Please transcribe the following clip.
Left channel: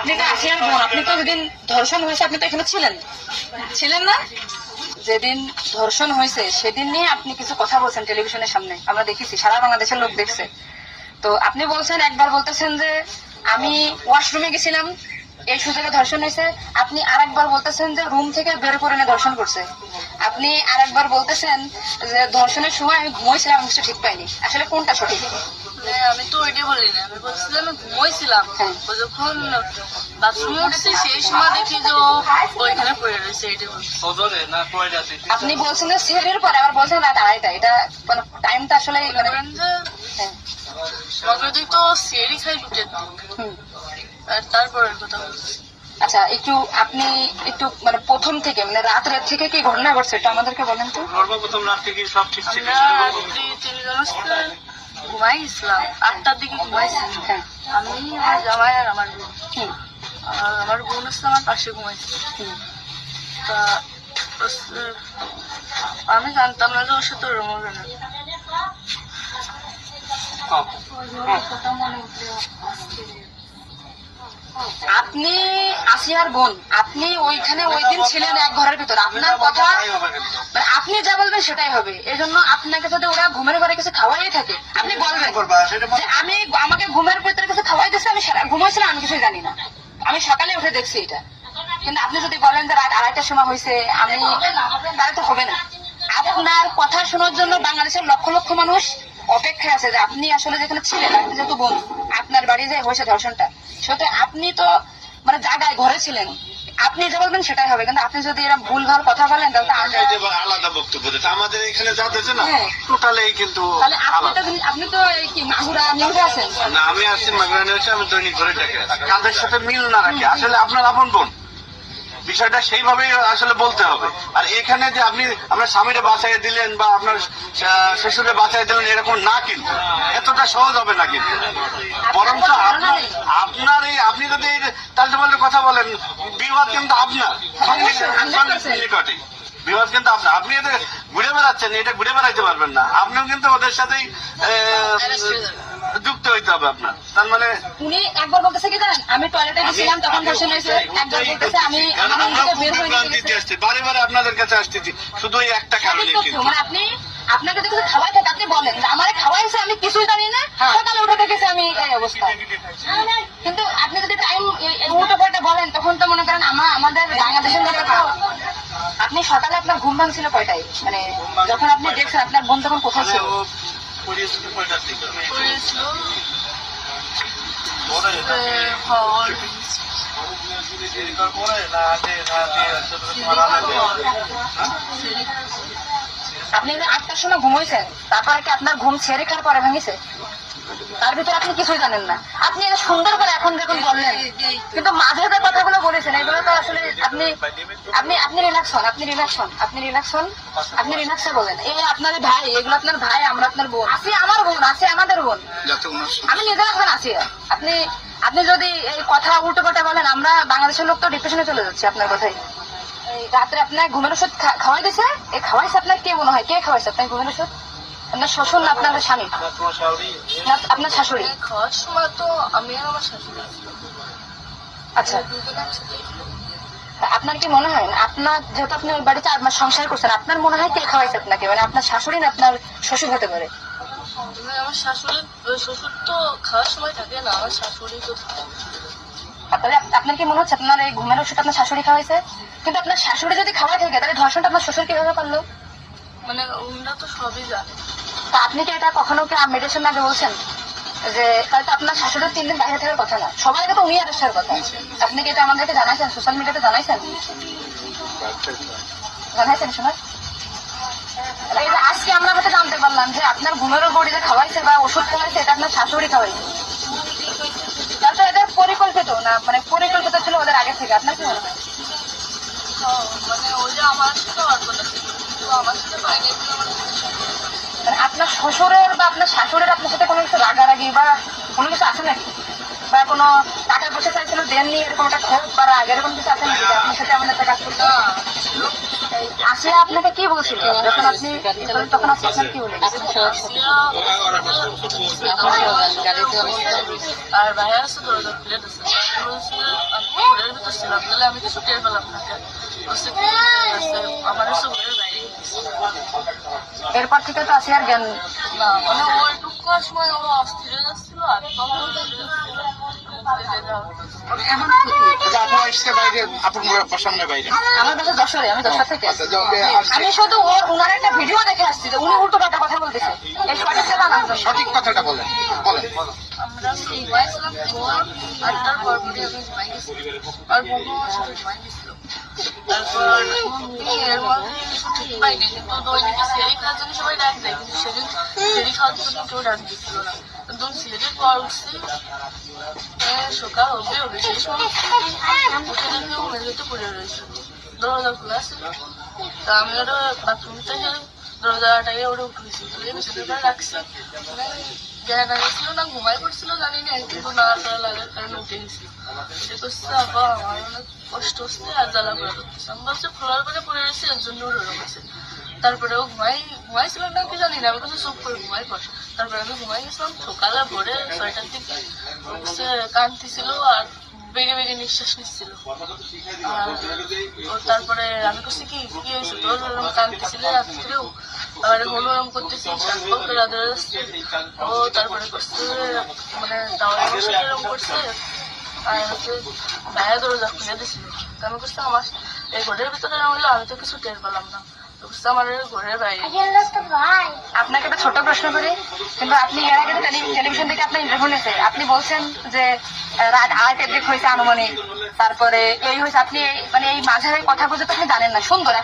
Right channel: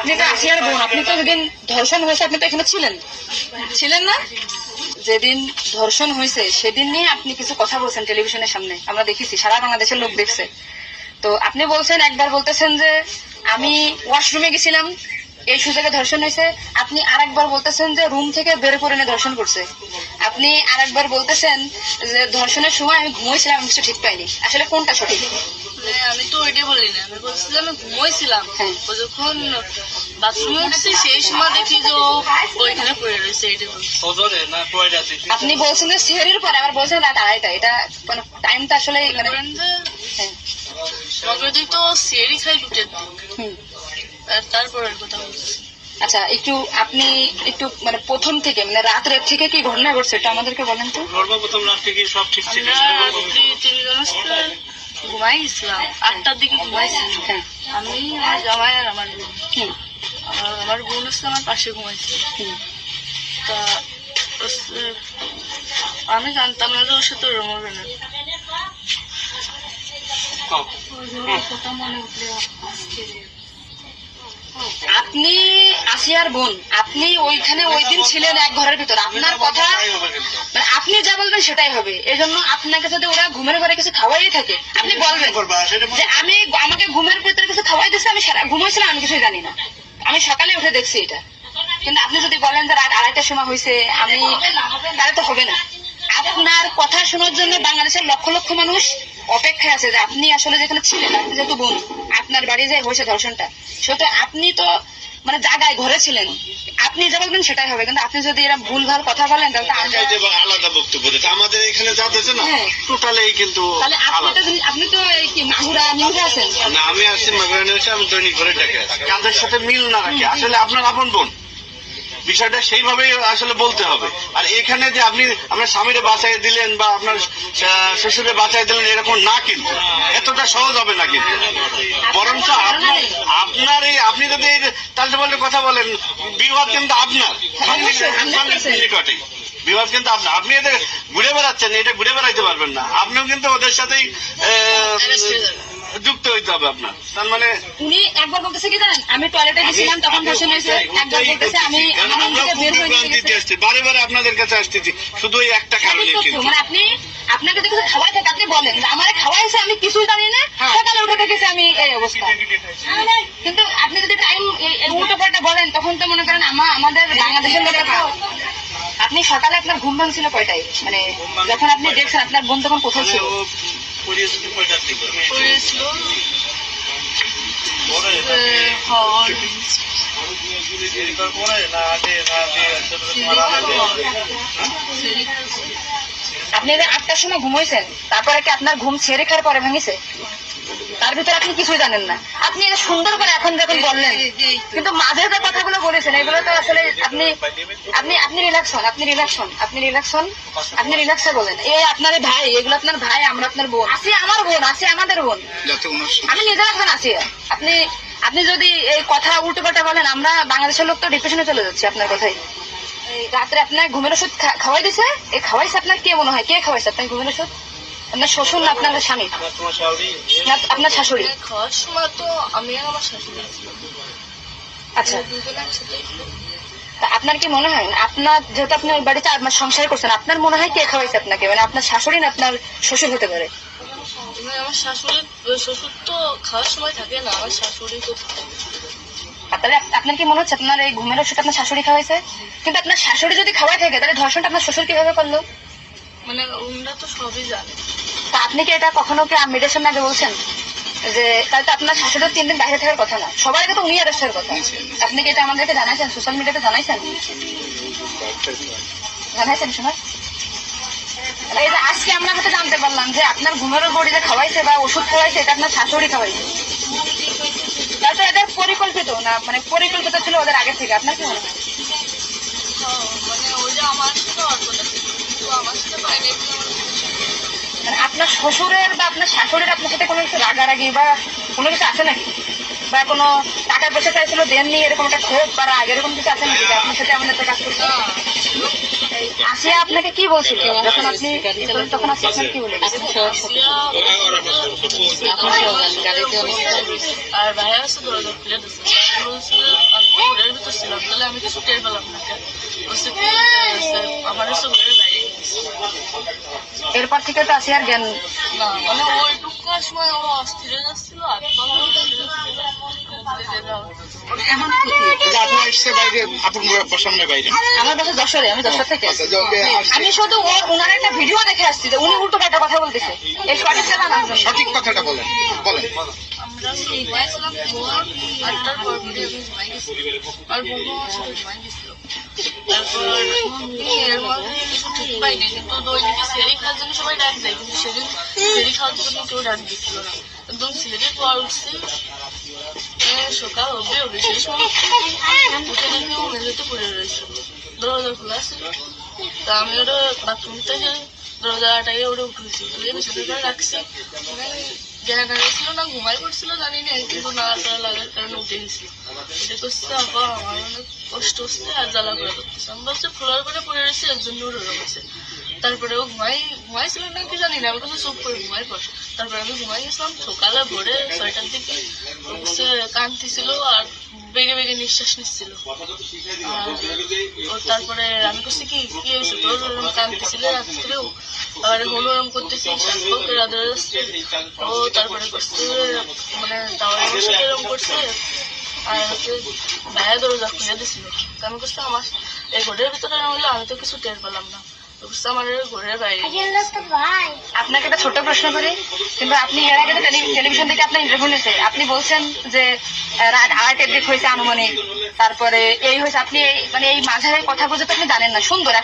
আপনি তো আসিয়ার বোন, আপনি তো যেদিন ধর্ষণ হয়েছে আপনি তো এখানে ছিলেন, ছিলেন না? যেদিন ধর্ষণ হয়েছে সেদিন নিয়ে আপনি কিছু কথা বলছেন টেলিভিশনের সামনে, আমরা দেখেছি, সারা বাংলাদেশের লোক দেখছে। তো আপনি বলছেন, একবার বলতেছেন যে আমি ওয়াশরুমে গেছিলাম এই সুযোগে ধর্ষণ হয়েছে, আপনি আরেকবার বলতেছেন যে রুম থেকে বের করে এনে ধর্ষণ করছে, আপনি আরেকবার বলতেছেন যে ধর্ষণের সময় আমি ঘুমোইছিলাম, আমি কিছু ঠিক পাইনি। আসলে কোনটা সঠিক? আমি তো ওইটাই বলি না, আমি বলছিলাম আমি ঘুমোইছিলাম। ও যখন বাথরুমে উঠছি সেই সময় দেখি যে ও ওইখানে পড়ে রয়েছে, এটাই বলছি। আপনি বলছেন যে সেহরির পরে, আবার বলছেন রাত 2:30টা, এটা মানে টাইমটা আসলে মানে মগরদি তো সিয়ারি খাই দুটের দিক, তারপরের কথা বলছি। আচ্ছা, একটু আপনি একটু মানে প্রথম থেকে মানে রাত থেকে কি ঘটনা ঘটছে এটা আমাদেরকে বলেন তো। সর্বপ্রথম রাত থেকে সব ঠিক ছিল। আমরা রাত্রি 3 জন ঘুমাই গেছিলাম, 8টার দিকে ঘুমাইছিলাম। হ্যাঁ, আমি, আমার জামাই আর আমার বোন। আর আমার বোন হচ্ছে আমার পাশে ঘুমাইছে। তা আমি জানতাম না যে ওর সাথে ওরম হবে না। আপনি আসিয়ার বোন, আপনি ওইখানে ওই দিন ছিলেন এক ঘরের ভিতর, আপনার কথা মানে আপনি যা বলবেন সেটাই হবে। এই জন্য আপনাকে যদি ওরা ঘুমের ঘরে কিছু খাওয়াই থাকে আপনি বলবেন যে আমি, আমাকে ঘুমের ভিতরে কিছু খাওয়াই দিচ্ছে, আমি ঘুমাইছিলাম, আমি কিছুই জানি না, আমি সকালে উঠে দেখছি এটা। কিন্তু আপনি যদি বলেন যে রাত 2:30টার সময় হয়েছে, আমি, তাহলে তো হবে না। আপনার কথা শোনার জন্য বাংলাদেশের লক্ষ লক্ষ মানুষ অপেক্ষায় আছে যে আপনি আসলে যেখানে ছিলেন, আপনি যেহেতু বোন, আপনার বাড়ি যে হয়েছে ধর্ষণটা, সেটা আপনি তো মানে জায়গায় ঘরে ছিলেন, আপনি যে বলবেন সেটাই হবে। কিন্তু আপনি যদি এরকম ভুলভাল কথা বলেন তাহলে আলাদা বক্তব্য দিতে আমাদের এখানে যা দিয়েছে না, হ্যাঁ, টোটালি কিন্তু তাহলে আপনি তো এই কি মাগুরা নিউজে আছেন না। আমি আসছি মাগুরা নিউজে, আমি দৈনিক ঘরে ডেকে আছি। কাদের সাথে মিল না রাখি, আসলে আপনার আপন বোন, বিষয়টা সেইভাবে আসলে বলতে হবে। আর এখানে যে আপনি আপনার স্বামীরে বাঁচাই দিলেন বা আপনার শ্বশুরে বাঁচাই দিলেন, এরকম না, কিন্তু এতটা সহজ হবে না। কিন্তু বরঞ্চ আপনার এই, আপনি যদি তাহলে বলে কথা বলেন, বিবাদ কিন্তু আপনার নিকটে, বিবাদ কিন্তু আপনার। আপনি এদের ঘুরে বেড়াচ্ছেন, এটা ঘুরে বেড়াইতে পারবেন না, আপনিও কিন্তু ওদের সাথেই যুক্ত হইতে হবে আপনার। তার মানে উনি একবার বলতেছে কি জানেন, আমি টয়লেটে গেছিলাম তখন ধর্ষণ হয়েছে, একবার বলতেছে আমি আমার রুম থেকে বের হয়ে আসছি, বারে বারে আপনাদের কাছে আসতেছি শুধু এই একটা কারণে। কিন্তু মানে আপনি, আপনাকে যদি কিছু খাওয়াই থাকে আপনি বলেন যে আমার খাওয়াইছে, আমি কিছুই জানি না, সকালে উঠে দেখেছি আমি এই অবস্থা। কিন্তু আপনি যদি টাইম উল্টো পাল্টা বলেন তখন তো মনে করেন আমাদের বাংলাদেশের লোকের, আপনি সকালে আপনার ঘুম ভাঙছিল কয়টায়, মানে যখন আপনি দেখছেন আপনার বোন তখন কোথায় ছিল? আপনি 8টার সময় ঘুমাইছেন, তারপরে কি আপনার ঘুম ছেড়ে খাওয়ার পরে ভেঙেছে? তার ভিতরে আপনি কিছুই জানেন না। আপনি সুন্দর করে এখন যখন বললেন, কিন্তু মাঝে যে কথাগুলো বলেছেন এগুলো তো আসলে আপনি আপনি আপনি রিল্যাক্স হন, আপনি রিল্যাক্স হন, আপনি রিল্যাক্স হন, আপনি রিল্যাক্সে বলেন। এই আপনার ভাই, এগুলো আপনার ভাই, আমরা আপনার বোন, আছে আমার বোন, আছে আমাদের বোন, আমি নিজে এখন আছি। আপনি আপনি যদি এই কথা উল্টো পাল্টা বলেন, আমরা বাংলাদেশের লোক তো ডিপ্রেশনে চলে যাচ্ছি আপনার কথাই। এই রাত্রে আপনার ঘুমের ওষুধ খাওয়াই দিছে, এই খাওয়াইছে আপনার কে মনে হয়, কে খাওয়াইছে আপনার ঘুমের ওষুধ? আপনার শ্বশুর না আপনার স্বামী না আপনার শাশুড়ি? খাওয়ার সময় তো আমি আর আমার শাশুড়ি। আচ্ছা, আপনার কি মনে হয় আপনার, যেহেতু আপনার বাড়িতে আপনার সংসার করছেন, আপনার মনে হয় কে খাওয়াইছে আপনাকে, মানে আপনার শাশুড়ি না আপনার শ্বশুর হতে পারে? আমার শাশুড়ি, শ্বশুর তো খাওয়ার সময় থাকে না, আমার শাশুড়ি তো থাকে। তাহলে আপনার কি মনে হচ্ছে আপনার এই ঘুমের ওষুধ আপনার শাশুড়ি খাওয়াইছে? কিন্তু আপনার শাশুড়ি যদি খাওয়াই থাকে তাহলে ধর্ষণটা আপনার শ্বশুর কিভাবে করলো? মানে ওরা তো সবই জানে। তা আপনি কি এটা কখনো কি মেডিটেশন আগে বলছেন যে তাহলে তো আপনার শাশুড়ির 3 দিন বাইরে থাকার কথা না, সবার আগে তো উনি অ্যারেস্ট হওয়ার কথা? আপনি কি এটা আমাদেরকে জানাইছেন, সোশ্যাল মিডিয়াতে জানাইছেন? জানাইছেন শোনা? এই যে আজকে আমরা হয়তো জানতে পারলাম যে আপনার ঘুমের বড়ি যে খাওয়াইছে বা ওষুধ খাওয়াইছে এটা আপনার শাশুড়ি খাওয়াইছে, তাহলে তো এদের পরিকল্পিত না, মানে পরিকল্পিত ছিল ওদের আগে থেকে। আপনার কি মনে হয়? মানে ওই যে আমার সাথে আর কথা ছিল, কিন্তু আমার সাথে পাইনি। মানে আপনার শ্বশুরের বা আপনার শাশুড়ির আপনার সাথে কোনো কিছু রাগারাগি বা কোনো কিছু আছে নাকি, বা কোনো টাকা পয়সা চাইছিল দেননি, এরকম একটা ক্ষোভ বা রাগ এরকম কিছু আছে নাকি আপনার সাথে এমন একটা কাজ করতে? আসিয়া আপনাকে কি বলছিল যখন আপনি তখন আপনি কি বলেন? আর ভাইয়া আছে দরজা খুলে দিচ্ছে, বলছিল আমি ঘরের ভিতর ছিলাম, তাহলে আমি কিছু টের পেলাম না। বলছে কি আমার হচ্ছে ঘরের বাইরে গেছে। এরপর থেকে তো আসিয়ার জ্ঞান না মানে ওইটুকুর সময় ও অস্থির হয়ে যাচ্ছিল, আর তখন আপনার এসছে বাইরে, আপনার সামনে বাইরে। আমার বাসা যশোরে, আমি যশোর থেকে আচ্ছা, আমি শুধু ওনার একটা ভিডিও দেখে আসছি যে উনি উল্টো পাল্টা কথা বলতেছে, এই সঠিকটা জানার জন্য। সঠিক কথাটা বলেন, বলেন। আমরা ঘুমাইছিলাম, ভোর 8টার পর পরে আমি ঘুমাই গেছি, আর বোনও আমার সাথে ঘুমাই গেছিল। তারপর এর মধ্যে কিছু ঠিক পাইনি, কিন্তু দৈনিকে সেরি খাওয়ার জন্য সবাই ডাক দেয়, কিন্তু সেদিন সেরি খাওয়ার জন্য কেউ ডাক দিচ্ছিল না। একদম সেরির পর উঠছি, সকাল হবে সেই সময় উঠে দেখি ও মেঝেতে পড়ে রয়েছিল, দরজা খোলা ছিল। তা আমি ওটা বাথরুম থেকে দরজাটাকে ওটা উঠেছি, তুলে বিছানার উপরে রাখছি। জ্ঞান ছিল না, ঘুমাই পড়ছিল জানি না, কিন্তু না করা লাগার কারণে উঠে গেছিল। উঠে করছে আবার আমার অনেক কষ্ট হচ্ছে আর জ্বালা করে করতেছে। আমি ভাবছি ফ্লোর করে পড়ে রয়েছে, এর জন্য ওরকম হয়েছে। তারপরে ও ঘুমাইছিল না কি জানি না, আমি কিছু চুপ করে ঘুমাই পড়। তারপরে আমি ঘুমাই গেছিলাম, সকালে ভোরে 6টার দিকে হচ্ছে কাঁদতেছিল আর বেগে বেগে নিঃশ্বাস নিচ্ছিল। তারপরে আমি করছি কি কি হয়েছে তোর, ওরকম কাঁদতেছিল রাত্রেও, আর হলুরম করতেছি, শ্বাসকষ্ট রাধা যাচ্ছে। ও তারপরে করছে মানে তাওয়ার বসে এরকম করছে, আর হচ্ছে ভাইয়া দরজা খুলে দিছিল। আমি করছি আমার এই ঘরের ভিতরে না হলে আমি তো কিছু টের পেলাম না, আমার ঘরের বাইরে। আপনাকে একটা ছোট প্রশ্ন করি, কিন্তু আপনি এর আগে তো টেলিভিশন থেকে আপনার ইন্টারভিউ নিয়েছে, আপনি বলছেন যে রাত 8টার দিক হয়েছে আনুমানিক, তারপরে এই হয়েছে, আপনি মানে এই মাঝারের কথা বুঝে তো আপনি জানেন না। সুন্দর। এখন